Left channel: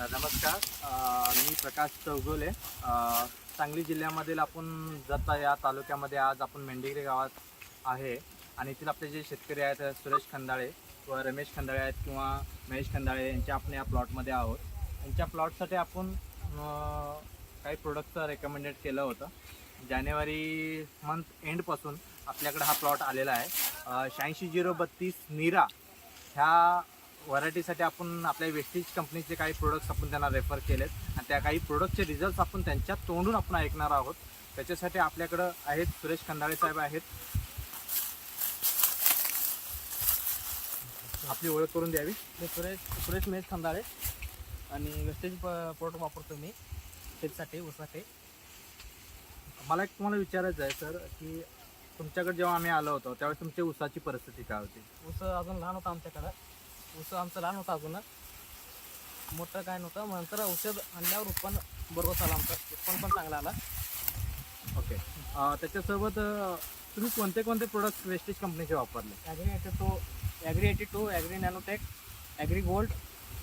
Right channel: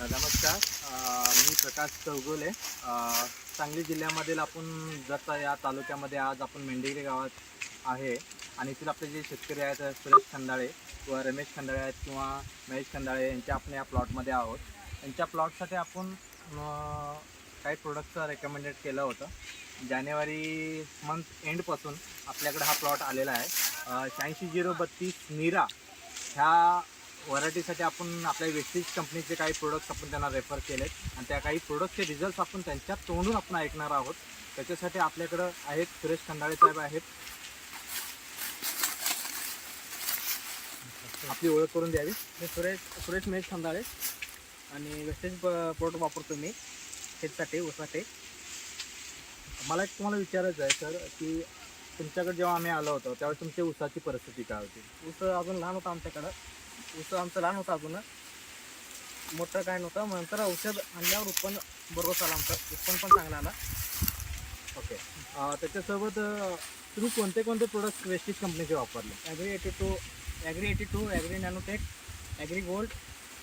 नमस्कार. मी प्रकाश चौगुले. सांगली जिल्ह्यामधील आपण जत या तालुक्यामध्ये आज आपण मेंढेगिरी गावात आहे आणि इथील आपले जे शेतकरी आहेत सुरेश खंदाळे किंवा रमेश खंदाळे आहेत किंवा महेश खंदाळे यांच्या आपण या प्लॉटमध्ये आहोत. यांच्या प्लॉटसाठी आपण काही प्रोडक्टचं रेकमेंडेड केलं होतं. जानेवारी मंथ एंडपासून आपल्याकडे हा प्लॉट आलेला आहे. 86-032 नीरा ह्या व्हरायटीसाठी आपण आपल्या वेस्टेज कंपनीचे काही प्रोडक्ट्स आपण त्यांना रेफर केलेत आणि त्या काही प्रोडक्टचे रिझल्ट्स आपण त्यांच्या तोंडून आपण ऐकणार आहोत. त्याच्यासाठी आपल्याकडं आहेत सुरेश खंदाळे साहेब आहेत. आपली ओळख करून द्यावी. मी सुरेश महेश खंदाळे आणि वेस्टेज प्रोडक्ट वापरतो मी शेतीसाठी ऊसासाठी. मला एक तुम्हाला विचारायचं आहे सर की तुमच्याकडे जेव्हा आम्ही आलो होतो त्यावेळेस तुमची ऊसाची परिस्थिती काय होती? ऊस अजून लहान होता आमच्याकडं. ऊस आमचं लहान होता अजून, मोठं काय नव्हतं. नंतर औषध आणल्यावर उत्पन्न बरोबर आलं, आमचं उत्पन्न पण चांगलं आला. ओके. त्याच्यासोबत तुम्ही कोणते कोणते प्रोडक्ट वेस्टेज कंपनीचे वापरले? ॲग्री 82, ॲग्री नॅनोटेक, ॲग्री गोल्ड,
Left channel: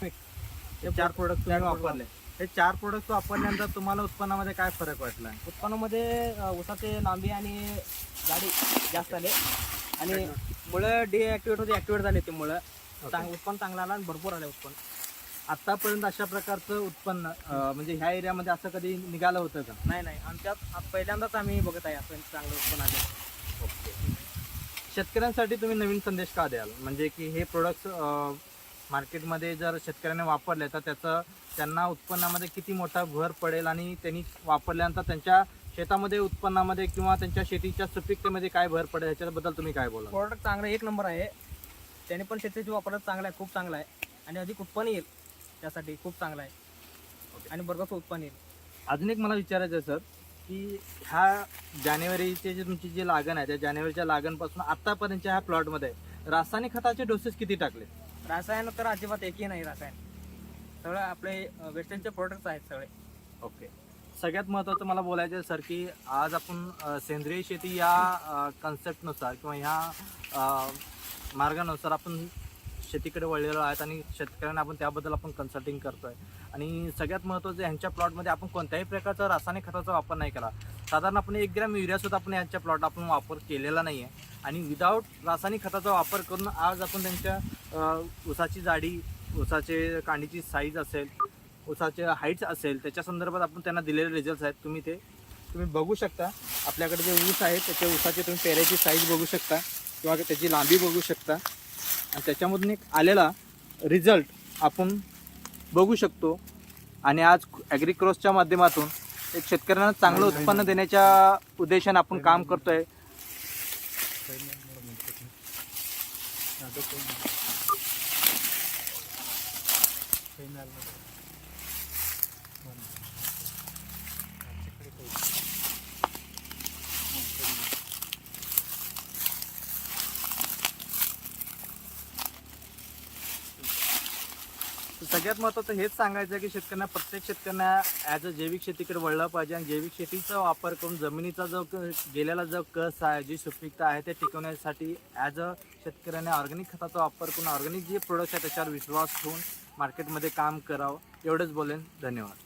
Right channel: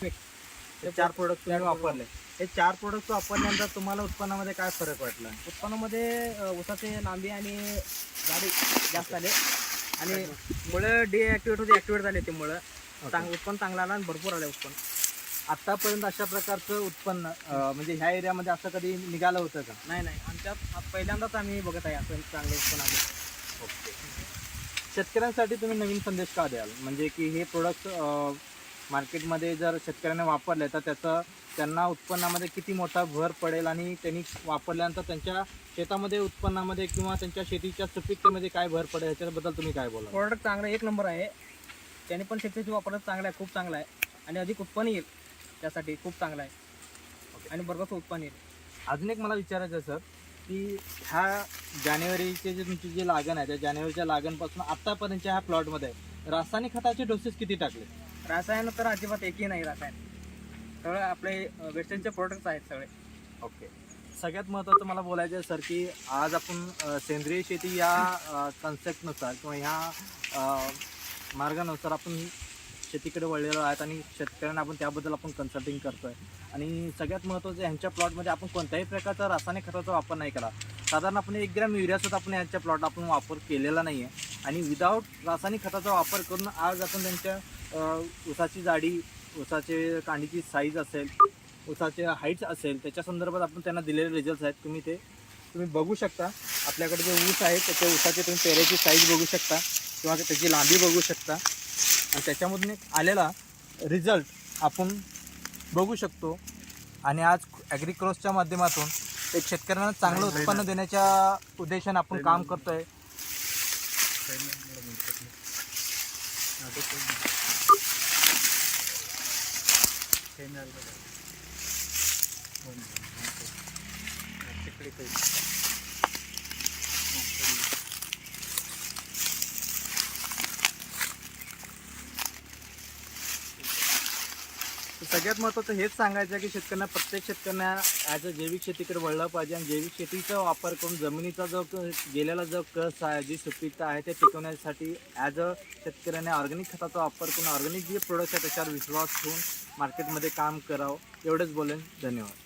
हे 4 प्रोडक्ट तुम्ही वापरले. हे 4 प्रोडक्ट वापरल्यानंतर तुम्हाला उत्पन्नामध्ये काय फरक वाटला? उत्पन्नामध्ये ऊसाचे लांबी आणि जाडी जास्त आले आणि मुळं डिॲक्टिवेट होते, ॲक्टिवेट झाले. ते मुळं उत्पन्न चांगलं आलं आणि भरपूर आलं उत्पन्न. आतापर्यंत अशा प्रकारचं उत्पन्न म्हणजे ह्या एरियामध्ये असं कधी निघालं होतं का? नाही, आमच्यात पहिल्यांदाच आम्ही बघत आहे असं चांगलं उत्पन्न आलं. ओके. शेतकऱ्यांसाठी तुम्ही नवीन संदेश का द्याल? म्हणजे की हे प्रोडक्ट मार्केटमध्ये जर शेतकऱ्यांनी वापरले तर त्यांना उत्पन्नामध्ये किती मोठा भर पडेल आणि त्यांनी वापरल्यानंतर त्यांच्या शेतामध्ये उत्पन्नामध्ये किंवा त्यांच्या शेतीच्या सुपीकतेमध्ये काय भर पडेल ह्याच्याबद्दल तुम्ही काय बोला? प्रोडक्ट चांगलं 1 नंबर आहे. त्याने पण शेतीची वापरत चांगलं आहे, खूप चांगलं आहे आणि अधिक उत्पन्न येईल. त्यासाठी खूप चांगलं आहे आणि बरोबर उत्पन्न येईल. अजून एक मला विचारायचं आहे सर की ह्या जानेवारीचे जे तुमची जी लागण आहे त्या जानेवारीच्या लागणपासून आत्तापर्यंतच्या ह्या प्लॉटमध्ये रासायनिक खताचे डोसेस किती टाकले? रासायन तर अजिबात एकही नाही. रासायन सगळं आपले वेस्टर्नचे प्रोडक्ट्स आहेत सगळे. ओके. सगळ्यात महत्त्वाचं मला बोलायचं आहे सर की आज आपण सेंद्रिय शेती या कन्सेप्टनुसार किंवा ह्या मार्गानुसार आपण शेतीकडे वळलेलो आहेत आणि शेतकऱ्यांना आपण त्याबद्दल आपण कन्सल्टिंग करतो आहे. आणि सगळ्यात महत्त्वाचं ह्यांच्या प्लॉटमध्ये आपण कोणत्याही प्रकारचा रासायनिक खताचा वापर नाही केला. साधारण आपण 1 ग्रॅम युरियासुद्धा आपण यांच्या प्लॉट आपण वापर केलेला नाही आहे आणि विदाऊट रासायनिक खताचा वापर करून आज आपण त्यांच्या ऊसाची जाडी, ऊसाचे कांडीची साईज असेल, ऊसाचे हाईट्स असेल त्याच्या संदर्भात आपण त्यांना दिलेले रिझल्ट्स आहेत. तुम्ही बघू शकता. आपल्याकडे जे ऊस आहे त्याच्या ऊसाचे तुम्ही पेऱ्याची साईज बघू शकता किंवा त्याची लांबी बघू शकता आणि त्याच्यामधून एक आलेला रिझल्ट आपण बघू शकतो. आणि आज ॲग्रिक्रॉसच्या माध्यमातून एक शेतकऱ्यांना चांगलं उत्पन्न देण्याच्या उद्देशाने आपण काम करतोय. सगळ्यात महत्त्वाचं हेच सांगायचं की शेतकऱ्यांना, प्रत्येक शेतकऱ्यांना ॲज अ जैविक शेतीकडे वळलं पाहिजे आणि जैविक शेतीचा वापर करून जमिनीचा जो गेलेला जो कस आहे, जी सुपीकता आहे ते टिकवण्यासाठी ॲज अ शेतकऱ्याने ऑर्गॅनिक खताचा वापर करून ऑर्गॅनिक जे प्रोडक्ट्स आहेत त्याच्यावर विश्वास ठेवून मार्केटमध्ये काम करावं. एवढंच बोलेन. धन्यवाद.